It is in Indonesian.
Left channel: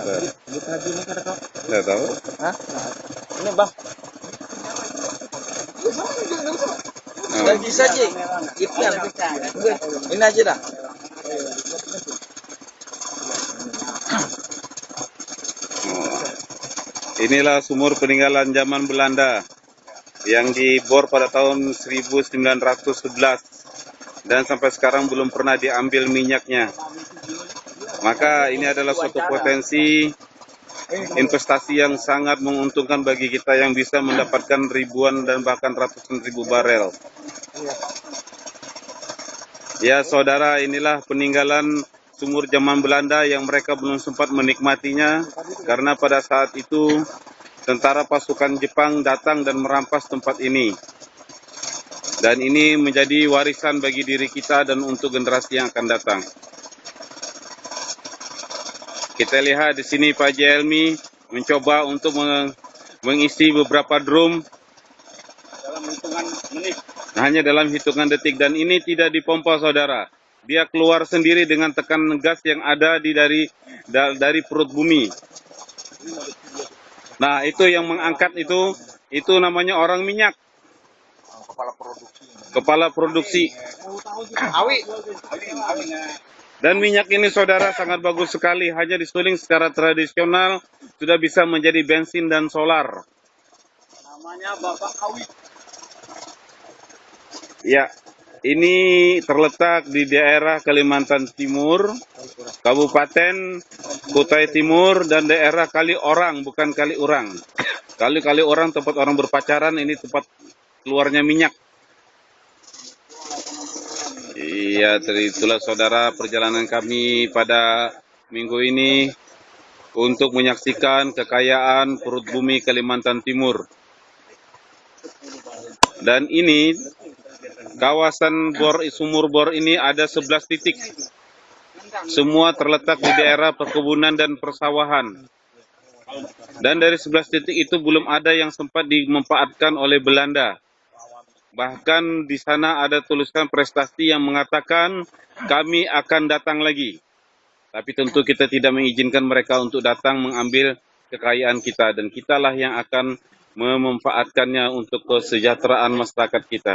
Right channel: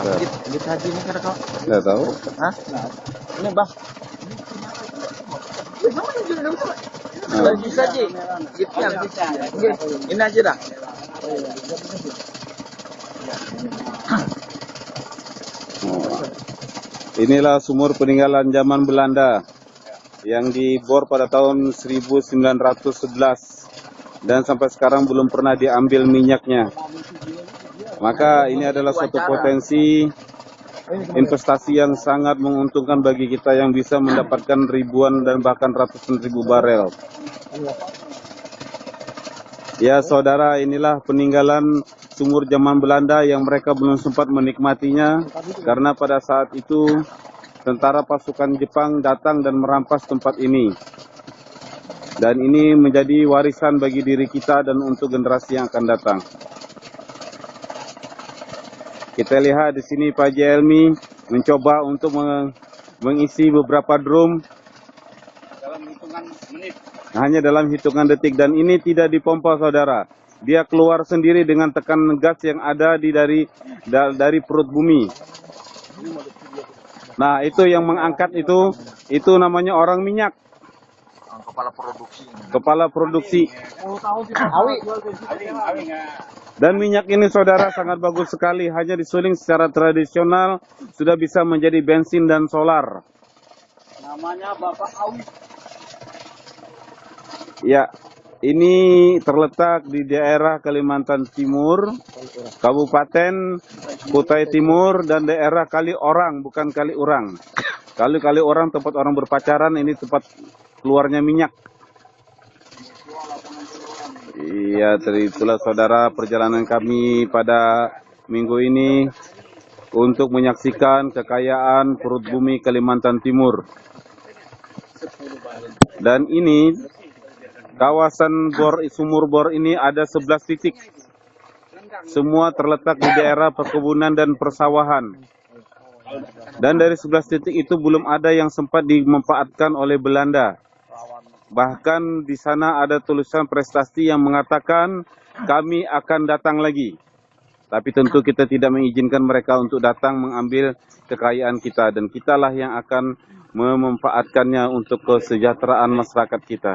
Duit haji ini kan kau? Nggak tahu. Hah? Ini bang. Nah, Bisa Ji. Ini aja dah. inilah sumur peninggalan zaman Belanda yang dibor pada tahun 1911 dan sampai sekarang belum pernah diambil minyaknya. Maka ini adalah suatu potensi investasi yang sangat menguntungkan bagi kita yang bisa mendapatkan ribuan dan bahkan ratusan ribu barel. Ya saudara, inilah peninggalan sumur zaman Belanda yang mereka belum sempat menikmatinya karena pada saat itu tentara pasukan Jepang datang dan merampas tempat ini. Dan ini menjadi warisan bagi diri kita dan untuk generasi yang akan datang. Kita lihat di sini Pak Jelmi mencoba untuk mengisi beberapa drum hanya dalam hitungan detik, dan ini tidak dipompa saudara. Dia keluar sendiri dengan tekanan gas yang ada dari perut bumi. Nah, itu yang mengangkat itu namanya orang minyak. Kepala produksi. Dan minyak ini saudara sangat bagus sekali, hanya disuling secara tradisional sudah bisa menjadi bensin dan solar. Namanya Bapak Awi. Ya, ini terletak di daerah Kalimantan Timur, Kabupaten Kutai Timur, dan daerah Kali Orang, bukan Kali Urang. Kali Orang tempat orang berpacaran, ini tempat keluarnya minyak. Iya, itulah saudara perjalanan kami pada minggu ini untuk menyaksikan kekayaan perut bumi Kalimantan Timur. Dan ini kawasan sumur bor ini ada 11 titik. Semua terletak di daerah perkebunan dan persawahan. Dan dari 11 titik itu belum ada yang sempat dimanfaatkan oleh Belanda. Bahkan di sana ada tulisan prestasi yang mengatakan kami akan datang lagi. Tapi tentu kita tidak mengizinkan mereka untuk datang mengambil kekayaan kita. Dan kitalah yang akan memanfaatkannya untuk kesejahteraan masyarakat kita.